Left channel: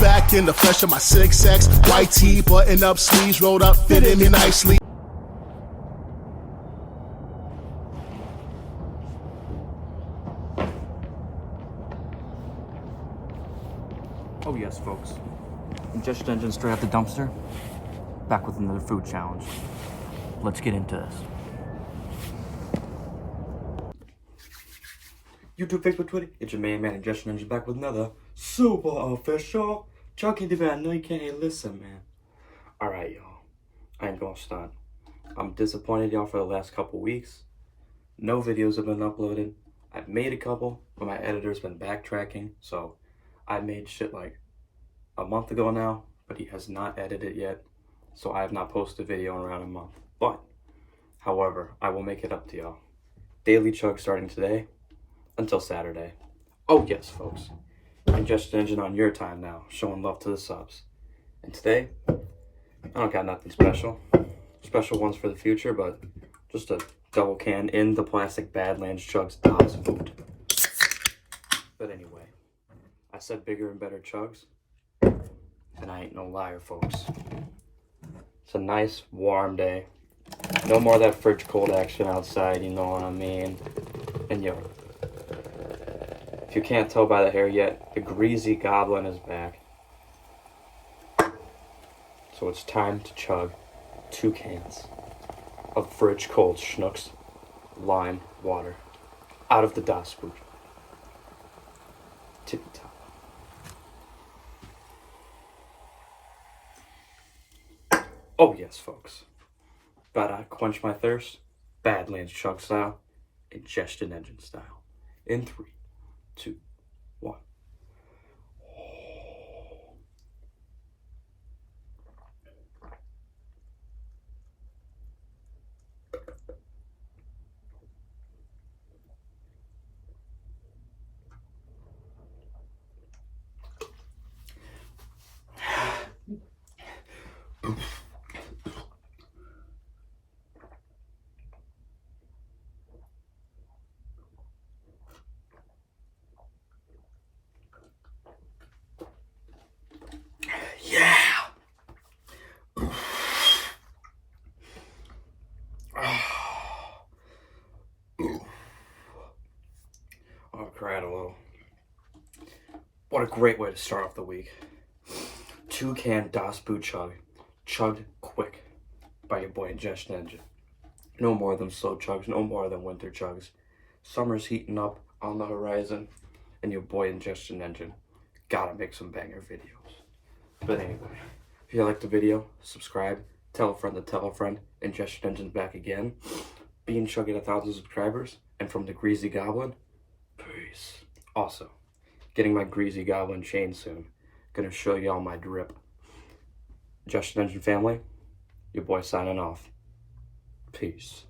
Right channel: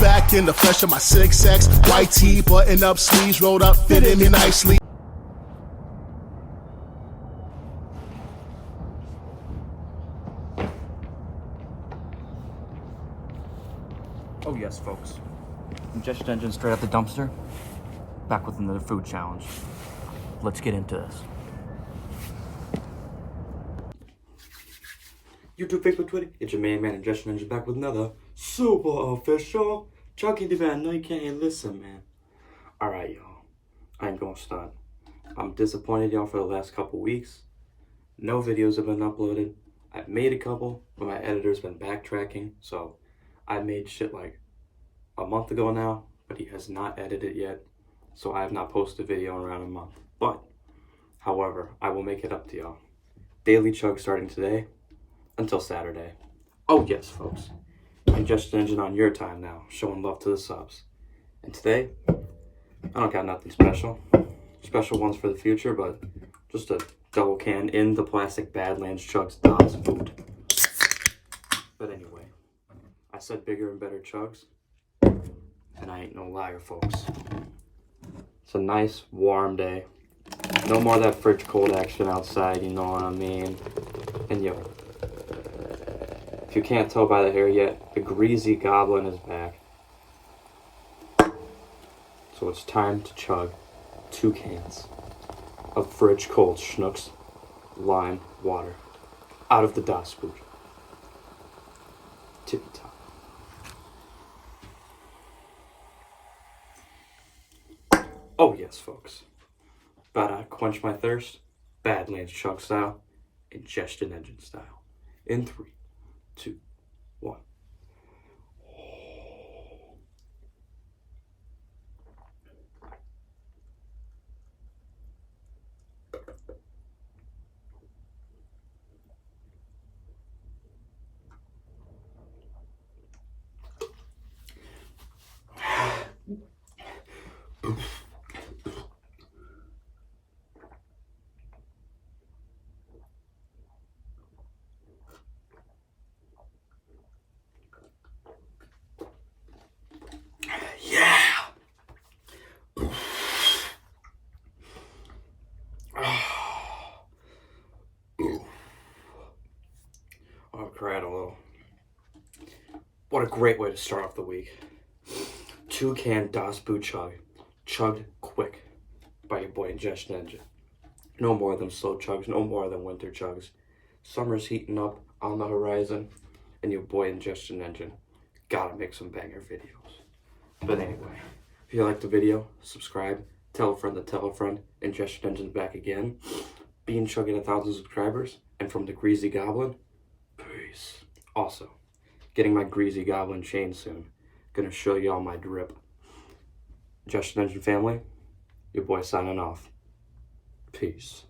back in the flesh of my 6X. White tee, button up sleeves, rolled up, fitting me nicely. Oh yes, folks. Ingestion Engine straight out the dumpster. Back with another food challenge. Let's get into this. YouTube, Facebook, Twitter, it's your main man Ingestion Engine back with another super official Chucky TV. I know you can't listen, man. Alright, y'all. I ain't gonna stunt. I'm disappointed, y'all, for the last couple weeks. No videos have been uploaded. I've made a couple, but my editor's been backtracking, so I made shit like a month ago now, but he has not edited it yet, so I have not posted a video in around a month. But, however, I will make it up to y'all. Daily chug starting today until Saturday. Oh yes, folks. Ingestion Engine on your time now, showing love to the subs. And today, I don't got nothing special. Special ones for the future, but just a double can in the plastic Badlands Chugs DOS food. But anyway, I said bigger and better chugs, and I ain't no liar, folks. It's a nice warm day. No more of that fridge cold action outside, you know what I mean? And yo, if you can't tell by the hair yet, the Greasy Goblin is back. So it's time to chug 2 cans of fridge cold Schnucks lime water out of the DOS food. Tippy top. Oh yes, folks. About to quench my thirst. Badlands chug style. Ingestion Engine style. In 3, 2, 1. Yeah. Oh, cried a little. What a great way to start off the week. 2-can DOS Boot Chug. Chugged quick by your boy Ingestion Engine. No more of them slow chugs, no more of them winter chugs. Summer's heating up on the horizon, and your boy Ingestion Engine gotta make some banger videos. But anyway, if you liked the video, subscribe, tell a friend to tell a friend. Ingestion Engine's back again. Being chugging 1,000 subscribers, and from the Greasy Goblin, peace. Also, getting my Greasy Goblin chain soon. Gonna show y'all my drip. Ingestion Engine family, your boy signing off. Peace.